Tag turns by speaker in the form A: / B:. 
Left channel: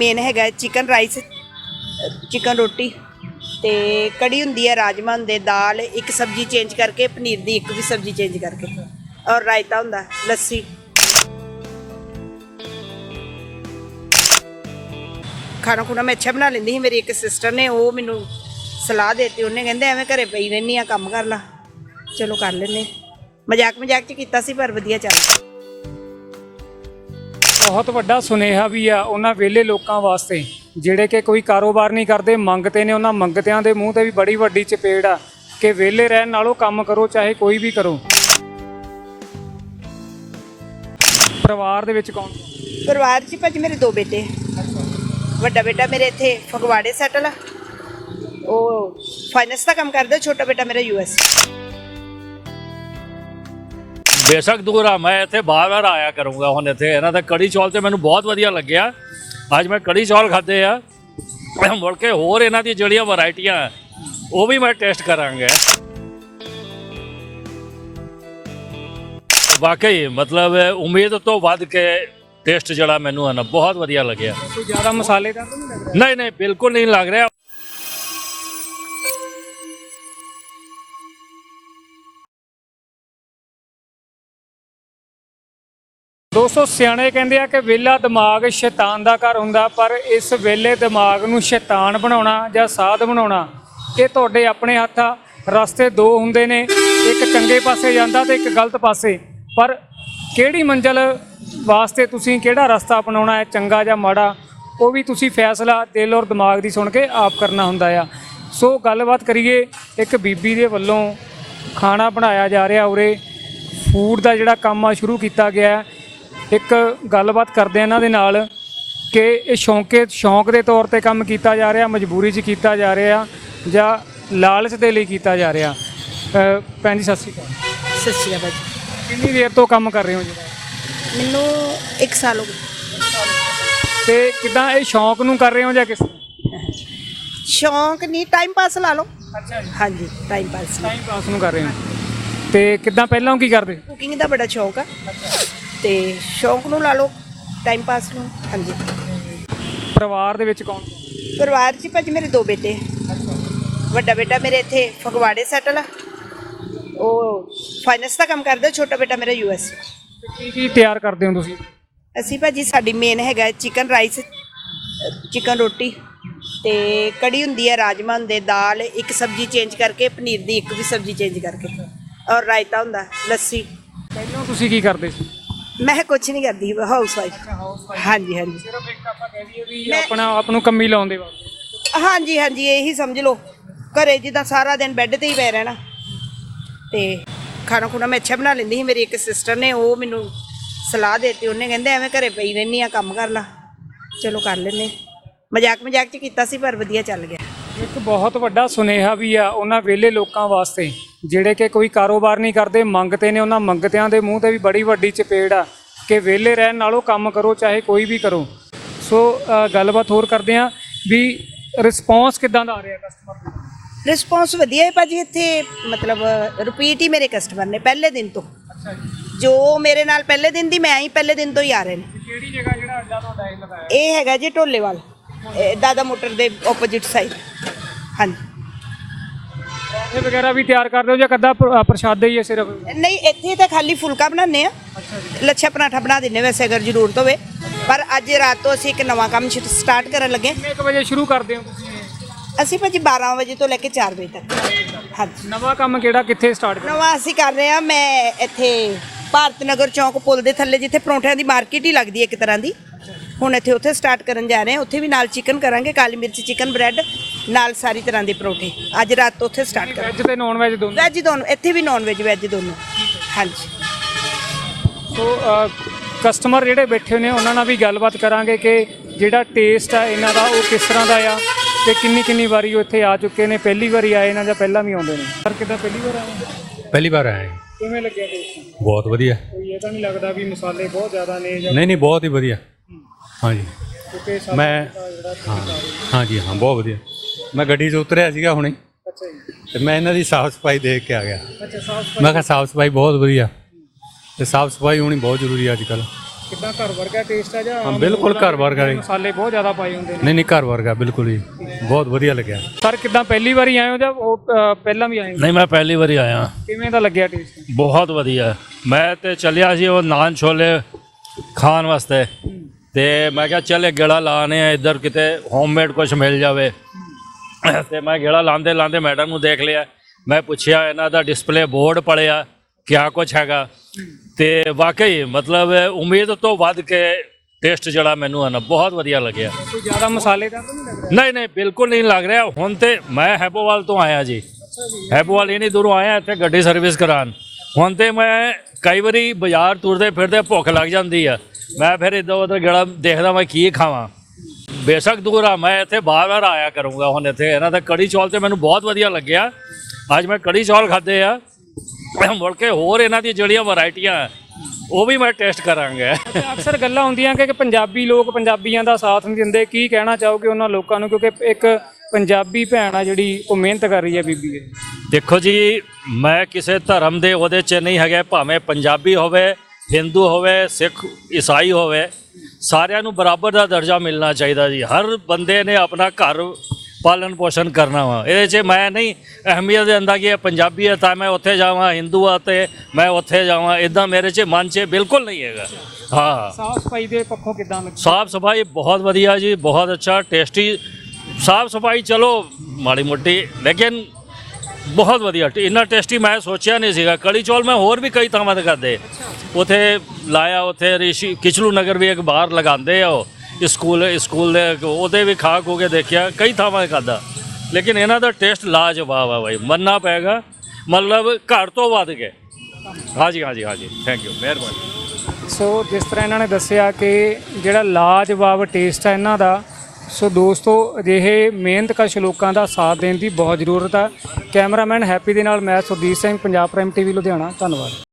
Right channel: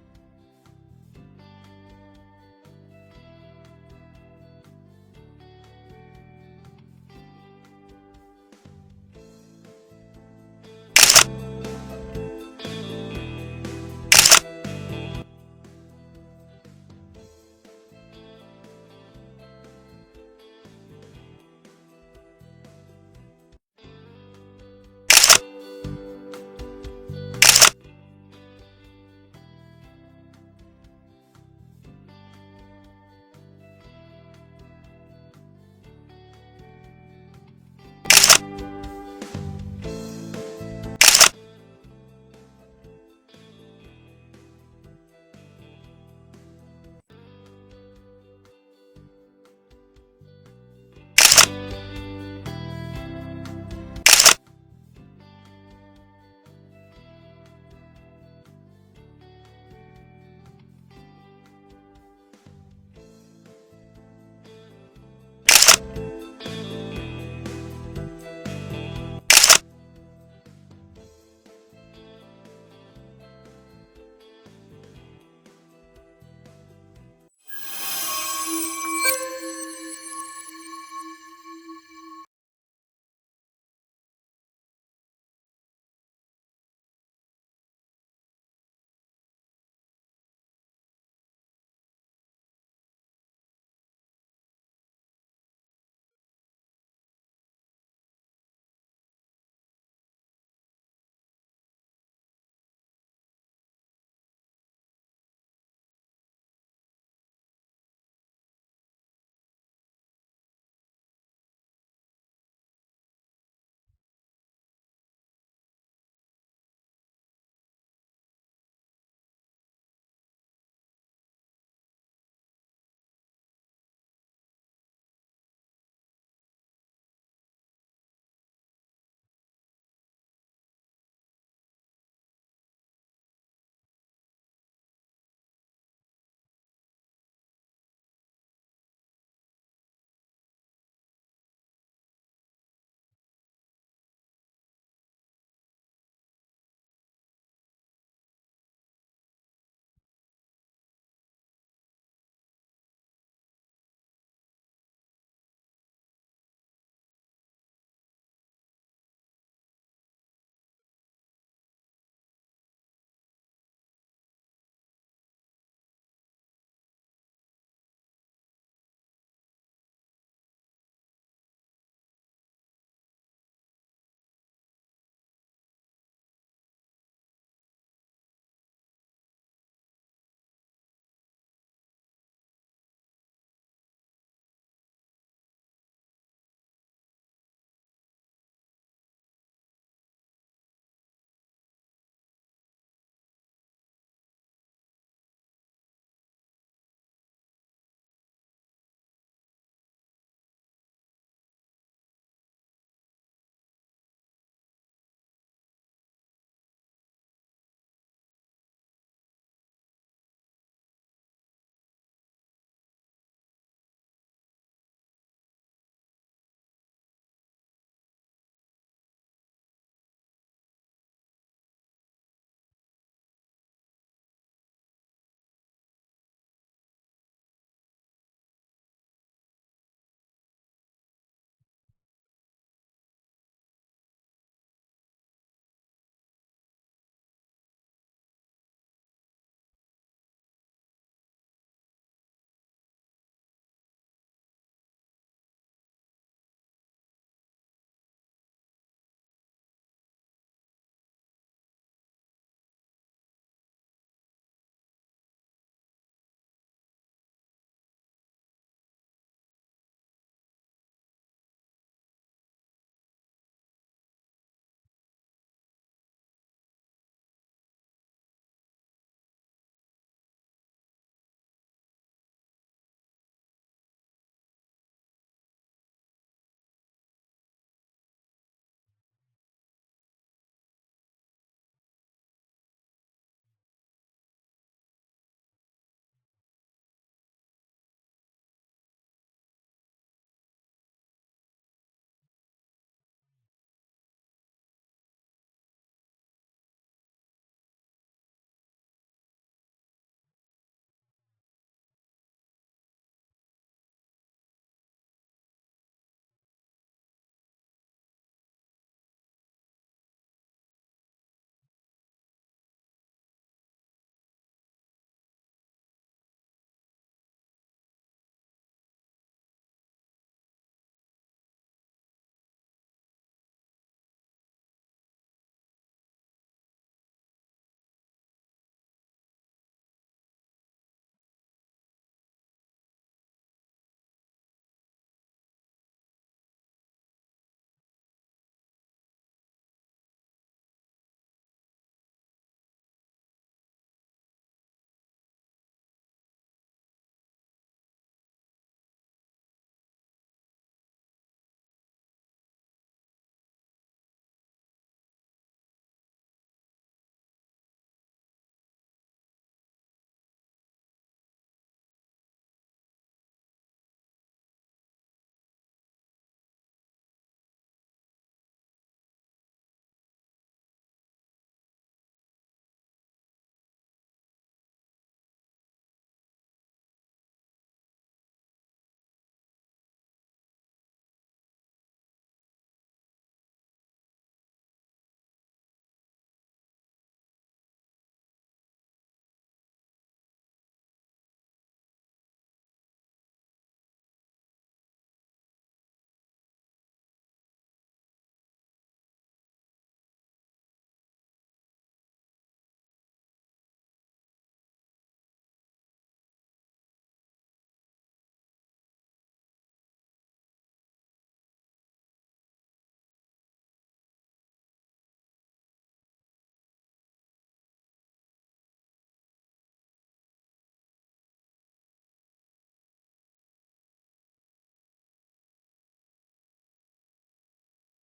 A: Main ਹੈਗਾ chicken rice chicken ਰੋਟੀ ਤੇ ਕੜੀ ਹੁੰਦੀ ਹੈ ਰਾਜਮਾ ਹੁੰਦੇ, ਦਾਲ ਇੱਕ ਸਬਜ਼ੀ ਚੇਂਜ ਕਰਕੇ, ਪਨੀਰ ਦੀ ਇੱਕ ਵੀ ਸਬਜ਼ੀ ਚੇਂਜ ਕਰਕੇ ਔਰ ਰਾਇਤਾ ਹੁੰਦਾ ਲੱਸੀ। ਖਾਣਾ ਖੁਣਾ ਮੈਂ ਅੱਛਾ ਬਣਾ ਲੈਂਦੀ ਸੀ, ਮੇਰੀ ਇੱਕ ਸਿਸਟਰ ਨੇ, ਉਹ ਮੈਨੂੰ ਸਲਾਹ ਦਿੱਤੀ, ਉਹਨੇ ਕਹਿੰਦੇ ਐਵੇਂ ਘਰੇ ਪਈ ਰਹਿਨੀ ਆ, ਕੰਮ ਕਰ ਲਾ ਚਲੋ ਕਰ ਲੈਨੇ ਮਜ਼ਾਕ ਮਜ਼ਾਕ ਚ ਕੀਤਾ ਸੀ, ਪਰ ਵਧੀਆ ਚੱਲ
B: ਬਹੁਤ ਵੱਡਾ ਸੁਨੇਹਾ ਵੀ ਆ ਉਹਨਾਂ ਵਿਹਲੇ ਲੋਕਾਂ ਵਾਸਤੇ, ਜਿਹੜੇ ਕਿ ਕੋਈ ਕਾਰੋਬਾਰ ਨਹੀਂ ਕਰਦੇ ਮੰਗਤੇ ਨੇ ਉਹਨਾਂ ਮੰਗਤਿਆਂ ਦੇ ਮੂੰਹ ਤੇ ਵੀ ਬੜੀ ਵੱਡੀ ਚਪੇੜ ਆ ਕਿ ਵਿਹਲੇ ਰਹਿਣ ਨਾਲੋਂ ਕੰਮ ਕਰੋ, ਚਾਹੇ ਕੋਈ ਵੀ ਕਰੋ। ਪਰਿਵਾਰ ਦੇ ਵਿੱਚ ਕੌਣ?
A: ਪਰਿਵਾਰ 'ਚ ਭਾਜੀ ਮੇਰੇ ਦੋ ਬੇਟੇ। ਵੱਡਾ ਬੇਟਾ ਮੇਰੇ ਇੱਥੇ ਫਗਵਾੜੇ ਸੈਟਲ ਆ। ਉਹ ਫਾਈਨੈਂਸ ਦਾ ਕੰਮ ਕਰਦਾ, ਛੋਟਾ ਬੇਟਾ ਮੇਰਾ ਯੂਐਸ
C: ਬੇਸ਼ੱਕ ਦੂਰ ਆ ਮੈਂ ਇੱਥੇ ਬਾਰ-ਬਾਰ ਆਇਆ ਕਰੂੰਗਾ ਹੁਣ ਇੱਥੇ। ਇਹਨਾਂ ਦਾ ਕੜੀ ਚੌਲ ਤੇ ਮੈਨੂੰ ਬਹੁਤ ਵਧੀਆ ਲੱਗਿਆ। ਅੱਜ ਮੈਂ ਕੜੀ ਚੌਲ ਖਾਦੇ ਆ। ਮੁੜ ਕੇ ਹੋਰ ਇਹਨਾਂ ਦੀ ਜਿਹੜੀਆਂ ਵੈਰਾਈਟੀਆਂ ਉਹ ਵੀ ਮੈਂ ਟੇਸਟ ਕਰਾਂਗਾ। ਵਾਕਈ ਮਤਲਬ ਉਮੀਦ ਤੋਂ ਵੱਧ ਕੇ ਟੇਸਟ ਜਿਹੜਾ ਮੈਨੂੰ ਹੈ ਨਾ ਬਹੁਤ ਵਧੀਆ ਲੱਗਿਆ।
B: ਕੋਈ ਜ਼ਿਆਦਾ ਮਸਾਲੇਦਾਰ ਤਾਂ ਨਹੀਂ ਲੱਗਦਾ
C: ਨਹੀਂ ਨਹੀਂ ਬਿਲਕੁਲ ਨਹੀਂ ਲੱਗ ਰਿਹਾ।
B: ਦੋਸਤੋ, ਸਿਆਣੇ ਕਹਿੰਦੇ ਆ ਕਿ ਵਿਹਲਾ ਦਿਮਾਗ ਸ਼ੈਤਾਨ ਦਾ ਘਰ ਹੁੰਦਾ, ਪਰ ਇਸ ਵਿਹਲੇ ਦਿਮਾਗ ਨੂੰ ਸ਼ੈਤਾਨ ਬਣਾਉਣਾ ਜਾਂ ਸਾਧ ਬਣਾਉਣਾ, ਇਹ ਤੁਹਾਡੇ ਆਪਣੇ ਹੱਥ ਆ। ਰਸਤੇ ਦੋ ਹੁੰਦੇ ਨੇ, ਇੱਕ ਚੰਗੇ ਪਾਸੇ ਜਾਂਦਾ ਤੇ ਇੱਕ ਗਲਤ ਪਾਸੇ। ਪਰ ਕਿਹੜੀ ਮੰਜ਼ਲ ਵਾਸਤੇ ਤੁਸੀਂ ਕਿਹੜਾ ਰਸਤਾ ਅਪਣਾਉਣਾ ਹੈ, ਚੰਗਾ ਜਾਂ ਮਾੜਾ, ਉਹ ਵੀ ਤੁਸੀਂ ਫੈਸਲਾ ਦਿਲ ਔਰ ਦਿਮਾਗ ਦੀ ਸੁਣ ਕੇ ਆਪ ਕਰਨਾ ਹੁੰਦਾ ਆ। ਸੋ ਗੱਲਬਾਤ ਕਰੀਏ, ਇੱਕ ਬੀਬੀ ਦੇ ਵੱਲੋਂ ਖਾਣਾ ਬਣਾਇਆ ਜਾ ਰਿਹਾ ਉਰੇ। ਫੂਡ ਦਾ ਜਿਹੜਾ ਕੰਮ ਆ, ਸ਼ੁਰੂ ਕੀਤਾ ਗਿਆ। ਇੱਕ ਗੱਲਬਾਤ ਕਰਦੇ ਆ ਇਹਨਾਂ ਦੇ ਨਾਲ ਕਿ ਇਹ ਸ਼ੌਂਕੇ ਸ਼ੌਂਕ ਦੇ ਤੌਰ ਤੇ ਕੰਮ ਕੀਤਾ ਜਾ ਰਿਹਾ ਮਜਬੂਰੀ 'ਚ ਕੀਤਾ ਜਾ ਰਿਹਾ ਜਾਂ ਲਾਲਚ ਦੇ ਲਈ ਕੀਤਾ ਜਾ ਰਿਹਾ। ਭੈਣ ਜੀ ਸਤਿ ਸ਼੍ਰੀ ਅਕਾਲ।
A: ਸਤਿ ਸ਼੍ਰੀ ਅਕਾਲ
B: ਕਿੰਨੀ ਦੇਰ ਤੋਂ ਕੰਮ ਕਰ ਰਹੇ ਹੋ ਜਿਹੜਾ
A: ਮੈਨੂੰ 1 ਸਾਲ ਹੋ ਗਿਆ
B: ਤੇ ਕਿਦਾਂ ਇਹ ਸ਼ੌਂਕ ਨੂੰ ਕਰ ਰਹੇ ਹੋ ਜਾਂ ਕਿਸ
A: ਸ਼ੌਂਕ ਨਹੀਂ ਟਾਈਮ ਪਾਸ ਲਾ ਲਓ।
B: ਅੱਛਾ ਜੀ।
A: ਹਾਂਜੀ ਟਾਈਮ ਪਾਸ
B: ਟਾਈਮ ਪਾਸ ਨੂੰ ਕਰ ਰਹੇ ਹੋ। ਤੇ ਕਿਦਾਂ ਪਹਿਲਾਂ ਕੀ ਕਰਦੇ?
A: ਕੁਕਿੰਗ ਦਾ ਬੜਾ ਸ਼ੌਂਕ ਆ। ਤੇ ਸ਼ੌਂਕ ਨੂੰ ਲਾ ਲਓ ਟਾਈਮ ਪਾਸ ਨੂੰ ਹਾਂਜੀ।
B: ਪਰਿਵਾਰ ਦੇ ਵਿੱਚ ਕੌਣ
A: ਪਰਿਵਾਰ 'ਚ ਭਾਜੀ ਮੇਰੇ ਦੋ ਬੇਟੇ ਵੱਡਾ ਬੇਟਾ ਮੇਰੇ ਇੱਥੇ ਫਗਵਾੜੇ ਸੈਟਲ ਆ। ਉਹ ਫਾਈਨੈਂਸ ਦਾ ਕੰਮ ਕਰਦਾ ਛੋਟਾ ਬੇਟਾ ਮੇਰਾ ਯੂਐਸ
B: ਕੀ ਕੀ ਤਿਆਰ ਕਰਦੇ ਹੋ ਤੁਸੀਂ?
A: ਅਸੀਂ ਭਾਜੀ ਸਾਡੀ ਮੇਨ ਹੈਗਾ ਚਿਕਨ ਰਾਈਸ ਚਿਕਨ ਰੋਟੀ ਤੇ ਕੜੀ ਹੁੰਦੀ ਹੈ ਰਾਜਮਾ ਹੁੰਦੇ ਦਾਲ ਇੱਕ ਸਬਜ਼ੀ ਚੇਂਜ ਕਰਕੇ ਪਨੀਰ ਦੀ ਇੱਕ ਵੀ ਸਬਜ਼ੀ ਚੇਂਜ ਕਰਕੇ। ਔਰ ਰਾਇਤਾ ਹੁੰਦਾ ਲੱਸੀ।
B: ਪਹਿਲਾਂ ਤੁਸੀਂ ਕੀ ਕਰਦੇ ਸੀ?
A: ਮੈਂ ਕੁਝ ਨਹੀਂ ਕਰਦੀ ਹਾਊਸ ਵਾਈਫ ਹਾਂਜੀ ਹਾਂਜੀ।
B: ਸਿਰਫ ਇੱਕ ਆਪਾਂ ਕਹਿ ਦਈਏ ਵੀ ਆਪਣਾ ਆਪ ਨੂੰ ਕੰਮੀ ਲਾਉਣ ਦੇ ਵਾਸਤੇ।
A: ਹਾਂਜੀ ਹਾਂਜੀ ਇਹੀ ਸਮਝ ਲਓ। ਘਰੇ ਜਿੱਦਾਂ ਸਾਰਾ ਦਿਨ ਬੈੱਡ ਤੇ ਹੀ ਪੈ ਰਹਿਣਾ। ਤੇ ਖਾਣਾ ਖੁਣਾ ਮੈਂ ਅੱਛਾ ਬਣਾ ਲੈਂਦੀ ਸੀ। ਮੇਰੀ ਇੱਕ ਸਿਸਟਰ ਨੇ ਉਹ ਮੈਨੂੰ ਸਲਾਹ ਦਿੱਤੀ। ਉਹਨੇ ਕਹਿੰਦੇ ਐਵੇਂ ਘਰੇ ਪਈ ਰਹਿਨੀ ਆ ਕੰਮ ਕਰ ਲਾ। ਚਲੋ ਕਰ ਲੈਨੇ ਮਜ਼ਾਕ ਮਜ਼ਾਕ ਚ ਕੀਤਾ ਸੀ ਪਰ ਵਧੀਆ ਚੱਲ ਗਿਆ।
B: ਇੱਕ ਬਹੁਤ ਵੱਡਾ ਸੁਨੇਹਾ ਵੀ ਆ ਉਹਨਾਂ ਵਿਹਲੇ ਲੋਕਾਂ ਵਾਸਤੇ। ਜਿਹੜੇ ਕਿ ਕੋਈ ਕਾਰੋਬਾਰ ਨਹੀਂ ਕਰਦੇ ਮੰਗਤੇ ਨੇ ਉਹਨਾਂ ਮੰਗਤਿਆਂ ਦੇ ਮੂੰਹ ਤੇ ਵੀ ਬੜੀ ਵੱਡੀ ਚਪੇੜ ਆ ਕਿ ਵਿਹਲੇ ਰਹਿਣ ਨਾਲੋਂ ਕੰਮ ਕਰੋ ਚਾਹੇ ਕੋਈ ਵੀ ਕਰੋ। ਸੋ ਗੱਲਬਾਤ ਹੋਰ ਕਰਦੇ ਆ ਵੀ ਰਿਸਪੌਂਸ ਕਿਦਾਂ ਦਾ ਆ ਰਿਹਾ ਕਸਟਮਰ ਦਾ
A: ਰਿਸਪੌਂਸ ਵਧੀਆ ਹੈ ਭਾਜੀ ਇੱਥੇ ਮਤਲਬ ਰਿਪੀਟ ਹੀ ਮੇਰੇ ਕਸਟਮਰ ਨੇ ਪਹਿਲੇ ਦਿਨ ਤੋਂ।
B: ਅੱਛਾ ਜੀ।
A: ਜੋ ਮੇਰੇ ਨਾਲ ਪਹਿਲੇ ਦਿਨ ਦੀ ਮੈਂ ਹੀ ਪਹਿਲੇ ਦਿਨ ਤੋਂ ਹੀ ਆ ਰਹੇ ਨੇ।
B: ਕਿਹੜੀ ਜਗ੍ਹਾ ਜਿਹੜਾ ਅੱਡਾ ਤੁਹਾਡਾ ਇਹ ਲਗਾਇਆ?
A: ਇਹ ਹੈਗਾ ਜੀ ਢੋਲੇਵਾਲ ਦਾਦਾ ਮੋਟਰ ਦੇ ਆਪੋਜ਼ਿਟ ਸਾਈਡ ਹਾਂਜੀ।
B: ਇਹ ਵਗੈਰਾ ਵੀ ਤਿਆਰ ਕਰਦੇ ਹੋ ਜਾਂ ਕੱਦਾ ਪ੍ਰਸ਼ਾਦੇ ਹੀ ਹੈ ਸਿਰਫ?
A: ਨਹੀਂ ਇੱਥੇ ਤਾਂ ਖਾਲੀ ਫੁਲਕਾ ਬਣਾਉਂਦੇ ਆ ਲੱਛਾ ਪਰਾਠਾ ਬਣਾ ਦਿੰਨੇ ਵੈਸੇ ਅਗਰ ਜ਼ਰੂਰਤ ਹੋਵੇ। ਪਰ ਅੱਜ ਰਾਤ ਤੋਂ ਅਸੀਂ ਇੱਕ ਨਵਾਂ ਕੰਮ ਸਟਾਰਟ ਕਰਨ ਲੱਗੇ
B: ਕਿੰਨੇ ਕੁ ਵਜੇ ਸ਼ੁਰੂ ਕਰਦੇ ਹੋ ਤੁਸੀਂ?
A: ਅਸੀਂ ਭਾਜੀ 12 ਵਜੇ ਤੋਂ ਲੈ ਕੇ 4 ਵਜੇ ਤੱਕ। ਹਾਂਜੀ।
B: ਨਵਾਂ ਕੰਮ ਕਿਹੜਾ ਕਿੱਥੇ ਸਟਾਰਟ ਕਰ
A: ਨਵਾਂ ਅਸੀਂ ਕਰ ਰਹੇ ਆ ਮੈਂ ਇੱਥੇ ਭਾਰਤ ਨਗਰ ਚੌਂਕ ਪੁਲ ਦੇ ਥੱਲੇ ਜਿੱਥੇ ਪਰੌਂਠਿਆਂ ਦੀ ਮਾਰਕੀਟ ਹੀ ਲੱਗਦੀ ਹੈ ਇੱਕ ਤਰ੍ਹਾਂ ਦੀ। ਹੁਣ ਇੱਥੇ ਉੱਥੇ ਸਟਾਰਟ ਕਰਨ ਜਾ ਰਹੇ ਆ ਉੱਥੇ ਵੀ ਨਾਲ ਚਿਕਨ ਕਰਾਂਗੇ ਕਾਲੀ ਮਿਰਚ ਚਿਕਨ ਬ੍ਰੈਡ ਨਾਲ ਸਾਰੀ ਤਰ੍ਹਾਂ ਦੇ ਪਰੌਂਠੇ। ਅੱਜ ਰਾਤ ਤੋਂ ਉੱਥੇ ਸਟਾਰਟ ਕਰਾਂਗੇ
B: ਵੈਜ ਤੇ ਨਾਨ ਵੈਜ ਦੋਨੋਂ?
A: ਵੈਜ ਦੋਨੋਂ ਇੱਥੇ ਵੀ ਨਾਨ ਵੈਜ ਵੈਜ ਦੋਨੋਂ। ਹਾਂਜੀ।
B: ਸੋ ਕਸਟਮਰ ਜਿਹੜੇ ਬੈਠੇ ਨੇ ਉਹਨਾਂ ਨਾਲ ਵੀ ਗੱਲਬਾਤ ਕਰਾਂਗੇ ਕਿ ਜਿਹੜਾ ਟੇਸਟ ਆ ਇਹਨਾਂ ਦਾ ਉਹ ਕਿਸ ਤਰ੍ਹਾਂ ਦਾ ਆ ਤੇ ਕਿੰਨੀ ਕਿੰਨੀ ਵਾਰੀ ਉਹ ਇੱਥੇ ਆ ਚੁੱਕੇ ਨੇ। ਪਹਿਲੀ ਵਾਰੀ ਆਏ ਨਾ ਜਾਂ ਪਹਿਲਾਂ ਵੀ ਆਉਂਦੇ ਨੇ? ਪਰ ਕਿਦਾਂ ਪਹਿਲੀ ਵਾਰ ਆਏ
D: ਪਹਿਲੀ ਵਾਰ ਆਏ ਹਾਂ।
B: ਕਿਵੇਂ ਲੱਗਿਆ ਟੇਸਟ
D: ਬਹੁਤ ਵਧੀਆ।
B: ਕੋਈ ਇਹ ਤਾਂ ਨਹੀਂ ਲੱਗਦਾ ਵੀ ਮਸਾਲੇ ਬਹੁਤ ਜ਼ਿਆਦਾ ਨੇ ਜਾਂ
D: ਨਹੀਂ ਨਹੀਂ ਬਹੁਤ ਹੀ ਵਧੀਆ। ਹਾਂਜੀ।
B: ਕਿਉਂਕਿ ਸਭ
D: ਮੈਂ ਹਾਂ। ਹਾਂਜੀ ਹਾਂ ਬਹੁਤ ਵਧੀਆ। ਮੈਂ ਗੱਡੀ 'ਚ ਉਤਰਿਆ ਸੀਗਾ ਹੁਣੇ।
B: ਅੱਛਾ ਜੀ।
D: ਤੇ ਮੈਂ ਇਹਨਾਂ ਦੀ ਸਾਫ਼ ਸਫ਼ਾਈ ਦੇਖ ਕੇ ਆ ਗਿਆ।
B: ਅੱਛਾ ਸਾਫ਼
D: ਮੈਂ ਕਿਹਾ ਸਾਫ਼ ਸਫ਼ਾਈ ਬਹੁਤ ਵਧੀਆ। ਤੇ ਸਾਫ਼ ਸਫ਼ਾਈ ਹੋਣੀ ਬਹੁਤ ਜ਼ਰੂਰੀ ਹੈ ਅੱਜ ਕੱਲ
B: ਕਿੱਦਾਂ ਘਰ ਵਰਗਾ ਟੇਸਟ ਆ ਜਾਂ
D: ਹਾਂ ਬਿਲਕੁਲ ਘਰ ਵਰਗਾ ਜੀ
B: ਮਸਾਲੇ ਬਹੁਤ ਜ਼ਿਆਦਾ ਪਾਏ ਹੁੰਦੇ ਨੇ।
D: ਨਹੀਂ ਨਹੀਂ ਘਰ ਵਰਗਾ ਬਿਲਕੁਲ ਹੀ ਬਹੁਤ ਵਧੀਆ ਲੱਗਿਆ।
B: ਸਰ ਕਿੱਦਾਂ ਪਹਿਲੀ ਵਾਰੀ ਆਏ ਹੋ ਜਾਂ ਉਹ ਅ, ਪਹਿਲਾਂ ਵੀ ਆਏ ਹੋ?
C: ਨਹੀਂ ਮੈਂ ਪਹਿਲੀ ਵਾਰੀ ਆਇਆ।
B: ਕਿਵੇਂ ਦਾ ਲੱਗਿਆ ਟੇਸਟ
C: ਬਹੁਤ ਵਧੀਆ। ਮੈਂ ਤੇ ਚੱਲਿਆ ਸੀ ਉਹ ਨਾਨ ਛੋਲੇ ਖਾਣ ਵਾਸਤੇ। ਤੇ ਮੈਂ ਕਿਹਾ ਚੱਲ ਇੱਕ ਗੇੜਾ ਲਾਣੇ ਆ ਇੱਧਰ ਕਿਤੇ ਹੋਮਮੇਡ ਕੁਝ ਮਿਲ ਜਾਵੇ। ਤੇ ਮੈਂ ਗੇੜਾ ਲਾਉਂਦੇ ਲਾਉਂਦੇ ਮੈਡਮ ਨੂੰ ਦੇਖ ਲਿਆ। ਮੈਂ ਪੁੱਛਿਆ ਇਹਨਾਂ ਦਾ ਡਿਸਪਲੇ ਬੋਰਡ ਪੜਿਆ ਕਿਆ ਕੁਝ ਹੈਗਾ? ਤੇ ਵਾਕਈ ਮਤਲਬ ਉਮੀਦ ਤੋਂ ਵੱਧ ਕੇ ਟੇਸਟ ਜਿਹੜਾ ਮੈਨੂੰ ਨਾ ਬਹੁਤ ਵਧੀਆ ਲੱਗਿਆ।
B: ਕੋਈ ਜ਼ਿਆਦਾ ਮਸਾਲੇਦਾਰ ਤਾਂ ਨਹੀਂ ਲੱਗ ਰਿਹਾ?
C: ਨਹੀਂ ਨਹੀਂ ਬਿਲਕੁਲ ਨਹੀਂ ਲੱਗ ਰਿਹਾ। ਹੁਣ ਤੇ ਮੈਂ ਹੈਪੋਵਾਲ ਤੋਂ ਆਇਆ ਜੀ। ਹੈਪੋਵਾਲ ਇੰਨੀ ਦੂਰੋਂ ਆਇਆ ਇੱਥੇ ਗੱਡੀ ਸਰਵਿਸ ਕਰਾਉਣ। ਹੁਣ ਤੇ ਮੈਂ ਕਈ ਵਾਰੀ ਬਾਜ਼ਾਰ ਤੁਰਦੇ ਫਿਰਦੇ ਭੁੱਖ ਲੱਗ ਜਾਂਦੀ ਆ। ਮੈਂ ਫਿਰ ਇੱਧਰ ਉੱਧਰ ਗੇੜਾ ਦੇਖਦਾ ਮੈਂ ਕੀ ਖਾਵਾਂ। ਬੇਸ਼ੱਕ ਦੂਰ ਆ ਮੈਂ ਇੱਥੇ ਬਾਰ-ਬਾਰ ਆਇਆ ਕਰੂੰਗਾ ਹੁਣ ਇੱਥੇ। ਇਹਨਾਂ ਦਾ ਕੜੀ ਚੌਲ ਤੇ ਮੈਨੂੰ ਬਹੁਤ ਵਧੀਆ ਲੱਗਿਆ। ਅੱਜ ਮੈਂ ਕੜੀ ਚੌਲ ਖਾਦੇ ਆ। ਮੁੜ ਕੇ ਹੋਰ ਇਹਨਾਂ ਦੀ ਜਿਹੜੀਆਂ ਵੈਰਾਈਟੀਆਂ ਉਹ ਵੀ ਮੈਂ ਟੇਸਟ ਕਰਾਂਗਾ।
B: ਅਕਸਰ ਗੱਲਾਂ ਹੁੰਦੀਆਂ ਕਿ ਪੰਜਾਬੀ ਲੋਕ ਪੰਜਾਬੀਆਂ ਦਾ ਸਾਥ ਨਹੀਂ ਦਿੰਦੇ। ਕੀ ਕਹਿਣਾ ਚਾਹੋਗੇ ਉਹਨਾਂ ਲੋਕਾਂ ਨੂੰ? ਕਿਉਂਕਿ ਇੱਕ ਪੰਜਾਬੀ ਭੈਣ ਆ ਜਿਹੜੀ ਉਹ ਮਿਹਨਤ ਕਰ ਰਹੀ ਹੈ ਬੀਬੀ
C: ਦੇਖੋ ਜੀ ਮੈਂ ਕਿਸੇ ਧਰਮ ਦੇ ਉਹਦੇ 'ਚ ਨਹੀਂ ਹੈਗਾ। ਭਾਵੇਂ ਪੰਜਾਬੀ ਹੋਵੇ ਹਿੰਦੂ ਹੋਵੇ ਸਿੱਖ ਈਸਾਈ ਹੋਵੇ। ਸਾਰਿਆਂ ਨੂੰ ਬਰਾਬਰ ਦਾ ਦਰਜਾ ਮਿਲਣਾ ਚਾਹੀਦਾ ਜੀ। ਹਰ ਬੰਦੇ ਨੇ ਆਪਣਾ ਘਰ ਪਾਲਣ ਪੋਸ਼ਣ ਕਰਨਾ ਵਾ। ਇਹਦੇ 'ਚ ਮੈਂ ਨਹੀਂ ਅਹਿਮੀਅਤ ਦਿੰਦਾ ਕਿ ਇਹ ਪੰਜਾਬੀ ਹੈ ਤਾਂ ਮੈਂ ਉੱਥੇ ਜਾਵਾਂ ਹਿੰਦੂ ਆ ਤੇ ਮੈਂ ਉੱਥੇ ਜਾਵਾਂ। ਇਦਾਂ ਮੇਰੇ 'ਚ ਮਨ 'ਚ ਬਿਲਕੁਲ ਨਹੀਂ ਹੈਗਾ। ਹਾਂ।
B: ਸਾਫ਼ ਸਫ਼ਾਈ ਦੇ ਪੱਖੋਂ ਕਿਦਾਂ ਲੱਗੀ
C: ਸਾਫ਼ ਸਫ਼ਾਈ ਬਹੁਤ ਵਧੀਆ ਜੀ ਬਹੁਤ ਅੱਛਾ ਟੇਸਟੀ। ਸਾਫ਼ ਸਫ਼ਾਈ ਚਲੋ ਮਾੜੀ ਮੋਟੀ ਲੇਕਿਨ ਬਹੁਤ ਵਧੀਆ ਟ- ਇੰਨਾ ਟੇਸਟੀ ਮੈਂ ਸੋਚਿਆ ਨਹੀਂ ਸੀਗਾ। ਕੜੀ ਚੌਲ ਮੈਂ ਹੋਰ ਵੀ ਕਈ ਥਾਵਾਂ ਤੇ ਕਰਦੇ ਉਥੇ ਲਾਇਆ, ਉਥੇ ਰਿਸ਼ੀ ਕਿਚਲੂ ਨਗਰ ਵੀ ਇੱਕ ਬਾਹਰ ਲਗਾਉਂਦੇ ਆ ਉਹ। ਸਕੂਲ ਸਕੂਲ ਦੇ ਉਹਦੇ ਵੀ ਖਾ ਖੂ ਕੇ ਦੇਖਿਆ, ਕਈ ਥਾਵਾਂ ਤੇ ਖਾਦਾ ਲੇਕਿਨ ਇਹਨਾਂ ਦਾ ਟੇਸਟ ਲਾਜਵਾਬ ਆ ਬਾਈ। ਮੰਨਣਾ ਪਏਗਾ, ਮਤਲਬ ਘਰ ਤੋਂ ਵੱਧ ਕੇ। ਹਾਂਜੀ ਹਾਂਜੀ ਹਾਂਜੀ। ਥੈਂਕ ਯੂ ਮਿਹਰਬਾਨੀ।
B: ਸੋ ਜਿਸ ਤਰ੍ਹਾਂ ਇਹਨਾਂ ਨੇ ਦੱਸਿਆ ਕਿ ਜਿਹੜਾ ਲਾਜਵਾਬ ਟੇਸਟ ਹੈ ਇਹਨਾਂ ਦਾ ਸੋ ਦੋਸਤੋ, ਅਜਿਹੇ ਮਿਹਨਤਕਸ਼ ਲੋਕਾਂ ਦਾ ਸਾਥ ਦੇਣ ਦੀ ਬਹੁਤ ਜ਼ਰੂਰਤ ਆ ਕੈਮਰਾਮੈਨ ਹੈਪੀ ਦੇ ਨਾਲ ਮੈਂ ਸੁਰਜੀਤ ਸਿੰਘ, ਪੰਜਾਬ ਪ੍ਰਾਈਮ ਟੀਵੀ ਲੁਧਿਆਣਾ। ਧੰਨਵਾਦ।